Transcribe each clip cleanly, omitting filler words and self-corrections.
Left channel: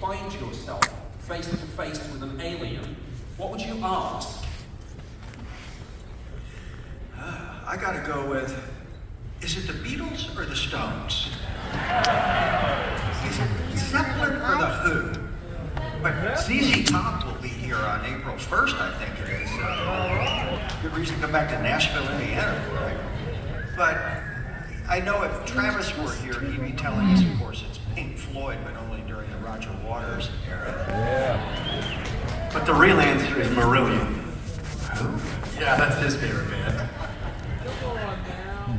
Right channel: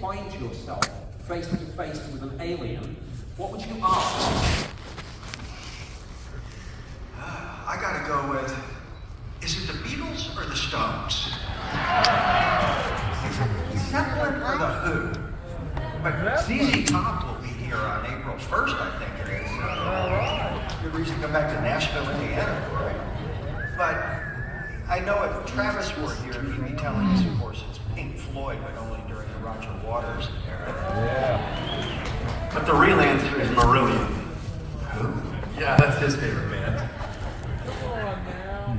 find yourself face to face with an alien, what would you ask? I gotta go with, is it the Beatles or the Stones? Is it Zeppelin or the Who? But ZZ Top will be here on April 1st, I think it is. Good reason to come back to Nashville, Indiana, right? But I know if Travis were here, he'd be telling us, of course, it's Pink Floyd, but only during the Roger Waters era. Yeah. But the real answer is Marillion. Who? Yeah, that's his favorite band.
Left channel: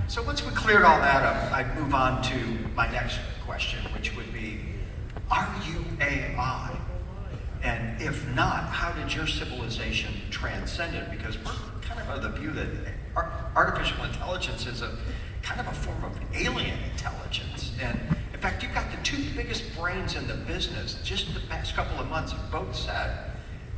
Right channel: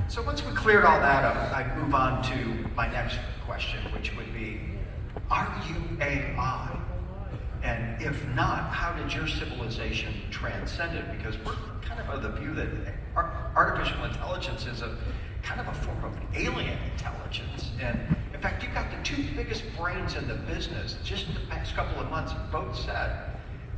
So once we cleared all that up, I'd move on to my next question, which would be, are you AI? And if not, how did your civilization transcend it? Because we're kind of the view that artificial intelligence is a kind of a form of alien intelligence. And in fact, you've got the two biggest brains in the business. Just in the past couple of months have both said,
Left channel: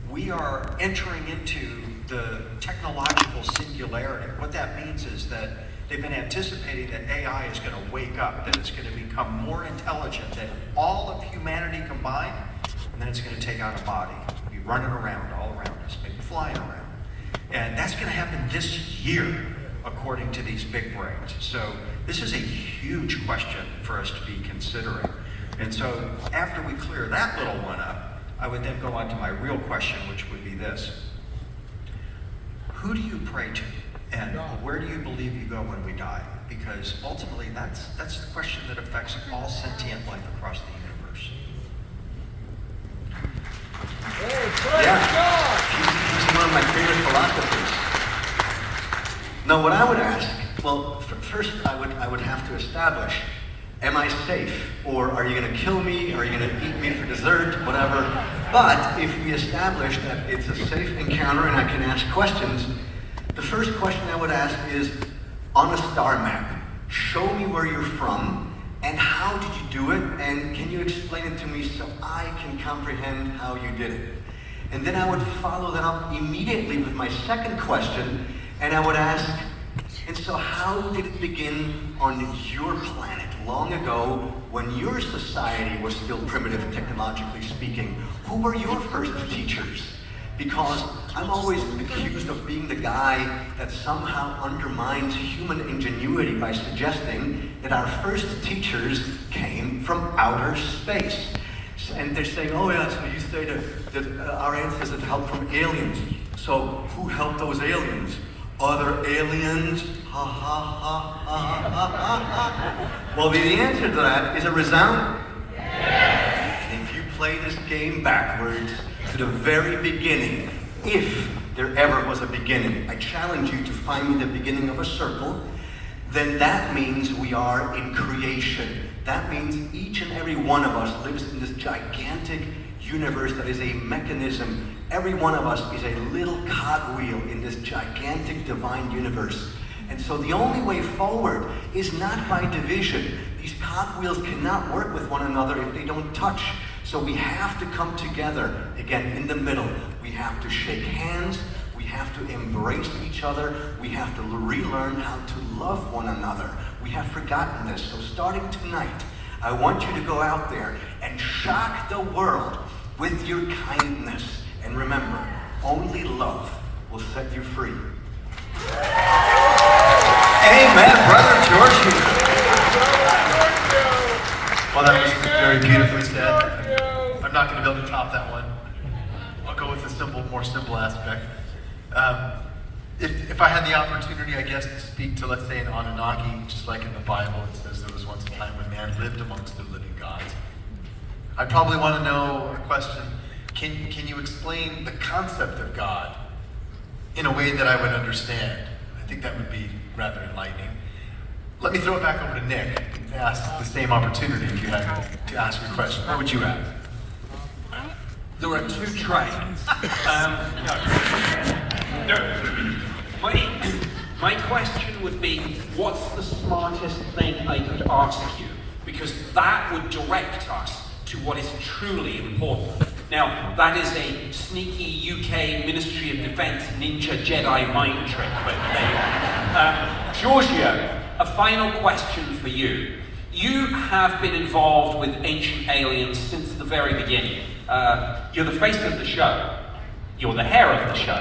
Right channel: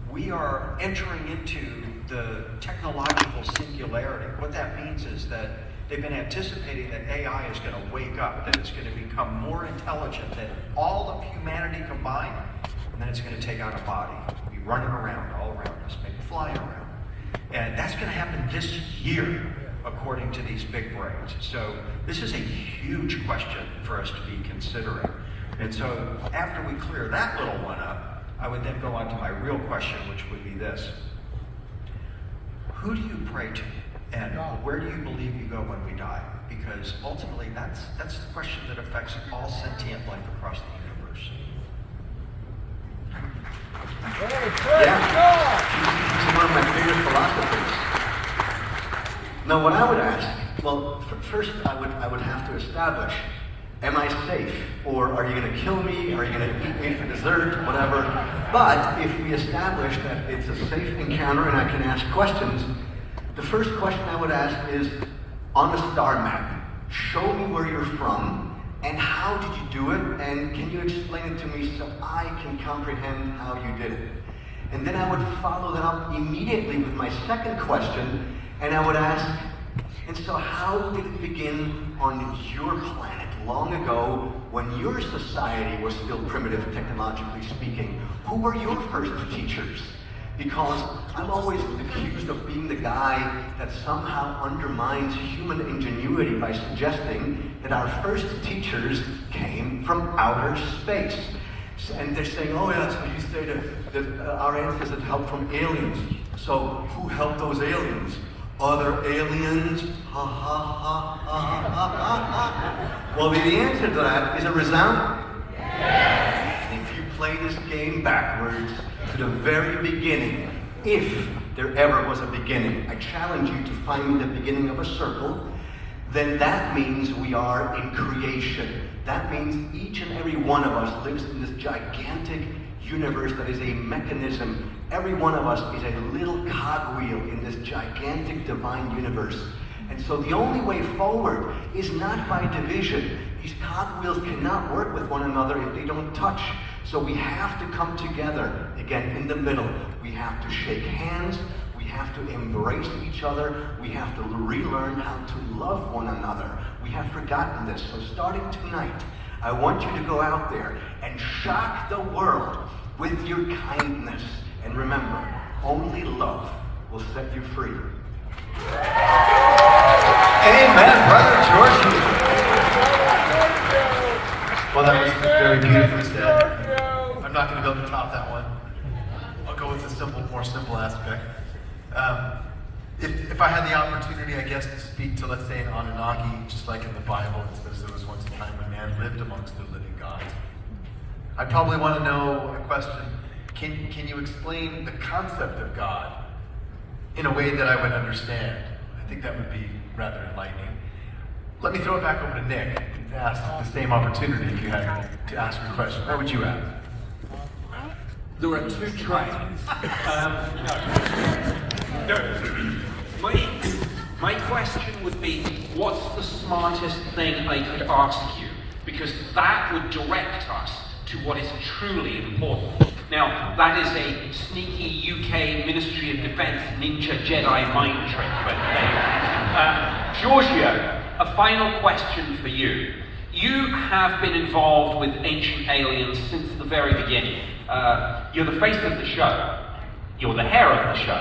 we are entering into the technological singularity. What that means is that they've been anticipating that AI is going to wake up, that it's going to become more intelligent than all of humanity combined, and then it's going to take on a body, be running around all around us, maybe flying around. And that's going to happen this year, according to these big brains. So this is a huge question for us to be considering. And so after we clear that little one up, I would then go on to my real question, which would be this. Who do you pray to? And where do you believe you go when we die? Because ultimately, that's the question that affects all sentient life across the universe. Yeah, he's one of my favorite philosophers. Now, what I would ask, well, first I would have to establish, am I safe? Or are you going to kill me? Are you going to eat me for dessert? Whatever. But if we establish that it's a safe encounter and I can ask questions, the first question I would ask is, on a star map, show me where you're from and how did you do it, and can you explain it to me so I can comprehend how you did it? And then I would follow that up immediately with my second question, and I would ask, and so how did it begin on your planet long ago when your society was still primitive, technologically speaking? Who were your first teachers? Because I'm always accused of being the guy that somehow undermines human ingenuity by suggesting that our first teachers came from outer space. And they're saying, oh yeah, so you say that our ancestors had help from aliens. So who helped those aliens? Other aliens? Ha ha ha ha ha ha ha. Well, the answer to that is a resounding yes. If you play this game backwards to the very beginning, if there ever was a beginning, I challenge you to find me the beginning of a circle, then that means we are in creation. That means each and every one of us lives in this gigantic universe that is a mechanism. Every one of us is a little cogwheel in this gigantic divine universe. And so the only way forward is not by division. These cogwheels cannot work with one another if they don't touch. So we have to come together, again, in the middle. We have to shake hands. We have to embrace each other. We have to relearn how to love one another. We have forgotten this. So starting tonight, I want you to go out there and shock the world with your kindness. And remember, only love will set you free. Amen, Brother Giorgio. Well, that was very beautifully said. I'm not going to be able to top that one. I'll go with the more simple aspect. If I had the opportunity, I guess, to speak to, let's say, an Anunnaki, just like in the Bible, it says there was once a time when man lived amongst the living gods. I'd probably want to know a question. Can you explain the concept of God in a way that I would understand? I think that would be rather enlightening. Let me throw it back over to Nick and ask the same opportunity if you had to ask your question. What would you ask? There are two trains. My question would be, what's the smartest thing I could ask you? Because that would direct us to what is truly important. Now, that is a sneaky UK Ministry of Defense ninja Jedi mind trick, but there you are. Giorgio, a final question for you. You have been involved with ancient aliens since the the very beginning. You're the face of the show. You're the hair of the show.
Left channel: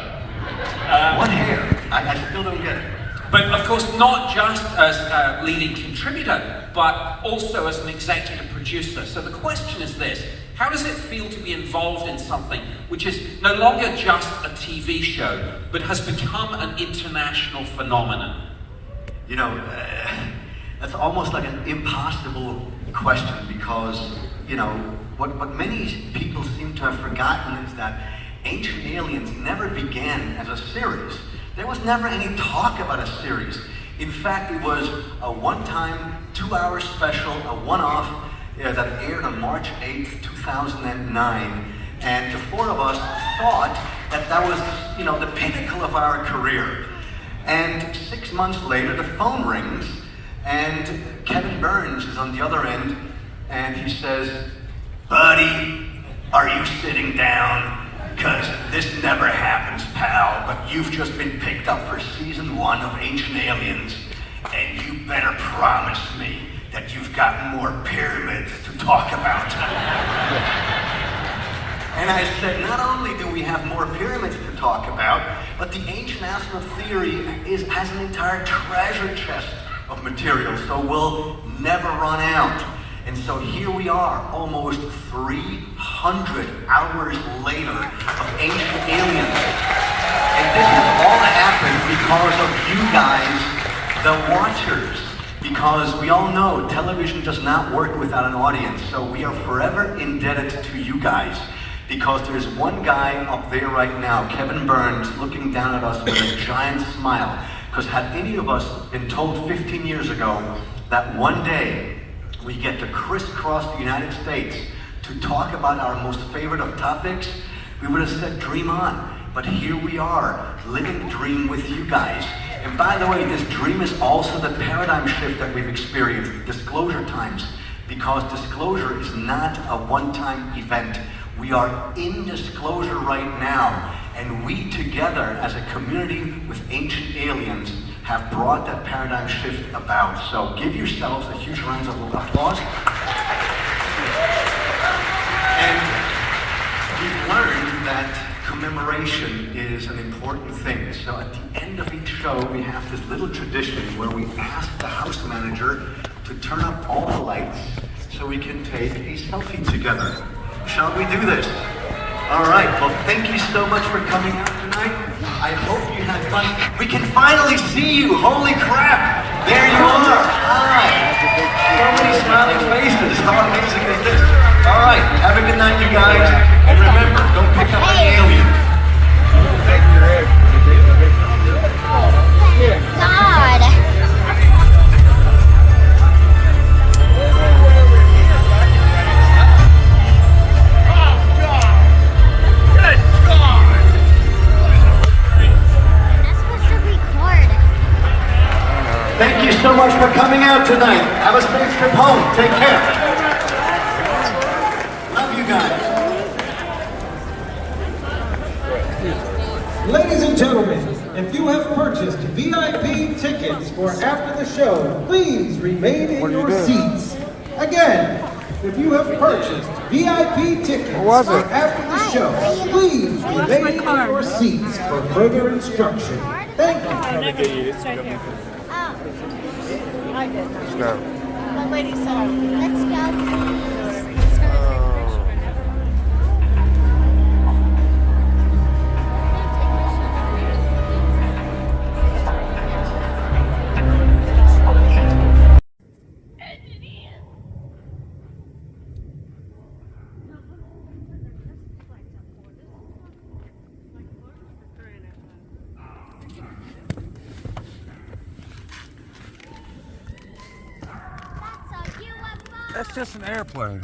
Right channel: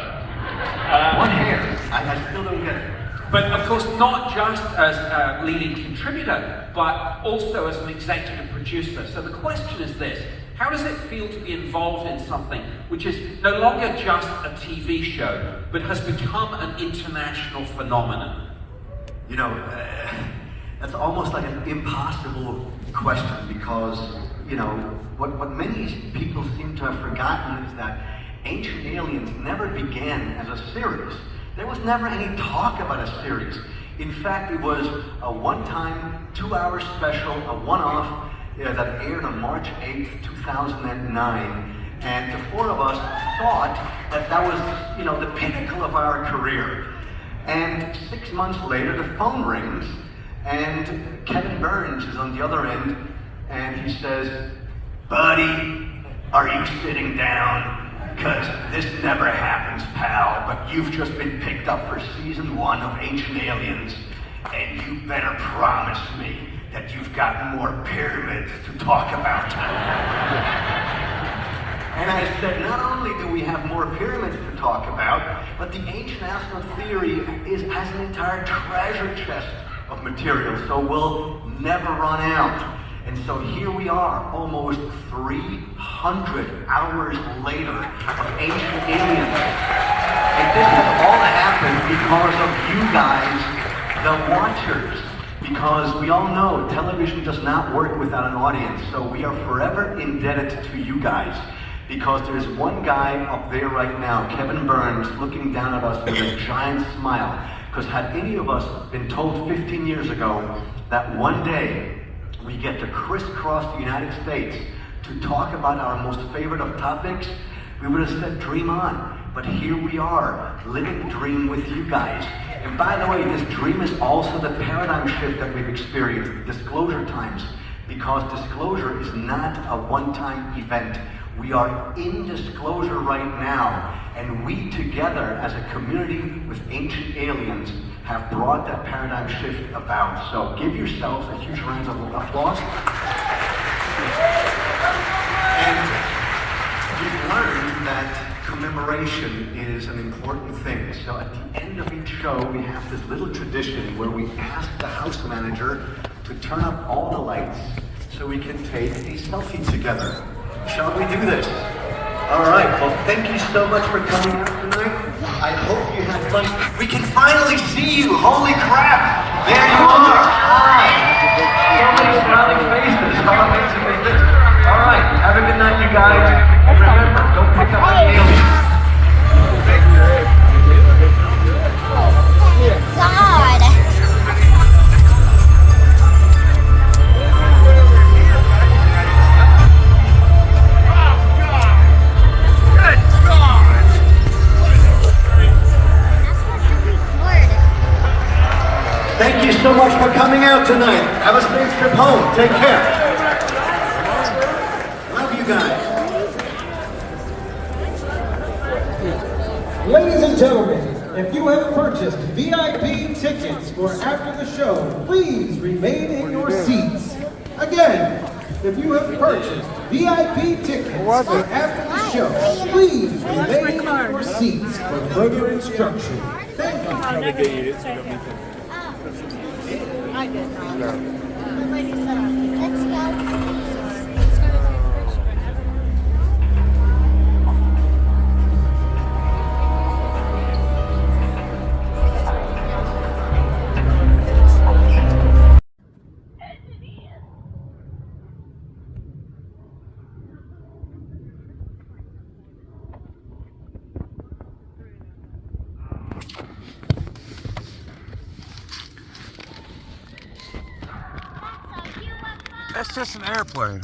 What hair? I still don't get it. But of course, not just as a leading contributor, but also as an executive producer. So the question is this: how does it feel to be involved in something which is no longer just a TV show, but has become an international phenomenon? You know, that's almost like an impossible question because, you know, what many people seem to have forgotten is that Ancient Aliens never began as a series. There was never any talk about a series. In fact, it was a one-time, 2-hour special, a one-off that aired on March 8th, 2009. And the four of us thought that that was, you know, the pinnacle of our career. And 6 months later, the phone rings, and Kevin Burns is on the other end, and he says, "Buddy, are you sitting down? Because this never happens, pal, but you've just been picked up for season 1 of Ancient Aliens, and you better promise me that you've got more pyramids to talk about." And I said, not only do we have more pyramids to talk about, but the Ancient Astronaut theory has an entire treasure chest of material, so we'll never run out. And so here we are, almost 300 hours later of Ancient Aliens. And this has all happened because of you guys, the watchers. Because we all know television does not work without an audience, so we are forever indebted to you guys. Because there's one guy up there right now, Kevin Burns, looking down at us with a giant smile. Because had any of us been told 15 years ago that one day we get to crisscross the United States to talk about our most favorite of topics, we would have said, dream on. But here we are, living the dream with you guys. And by the way, this dream is also the paradigm shift that we've experienced, disclosure times. Because disclosure is not a one-time event. We are in disclosure right now. And we together, as a community with Ancient Aliens, have brought that paradigm shift about. So give yourselves a huge round of applause. And we've learned that commemoration is an important thing. So at the end of each show, we have this little tradition where we ask the house manager to turn up all the lights so we can take a selfie together. Shall we do this? All right, well, thank you so much for coming out tonight. I hope you had fun. We can finally see you. Holy crap. There you are. Hi. So many smiling faces. How amazing is this? All right, have a good night, you guys. And remember, don't pick up any aliens. God. Thank you so much for coming out tonight. Have a safe trip home. Take care. Love you guys. Ladies and gentlemen, if you have purchased VIP tickets for after the show, please remain in your seats. Again, if you have purchased VIP tickets for after the show, please remain in your seats for further instruction. Thank you. I did not. The lady said, let's go. That's just an airplane.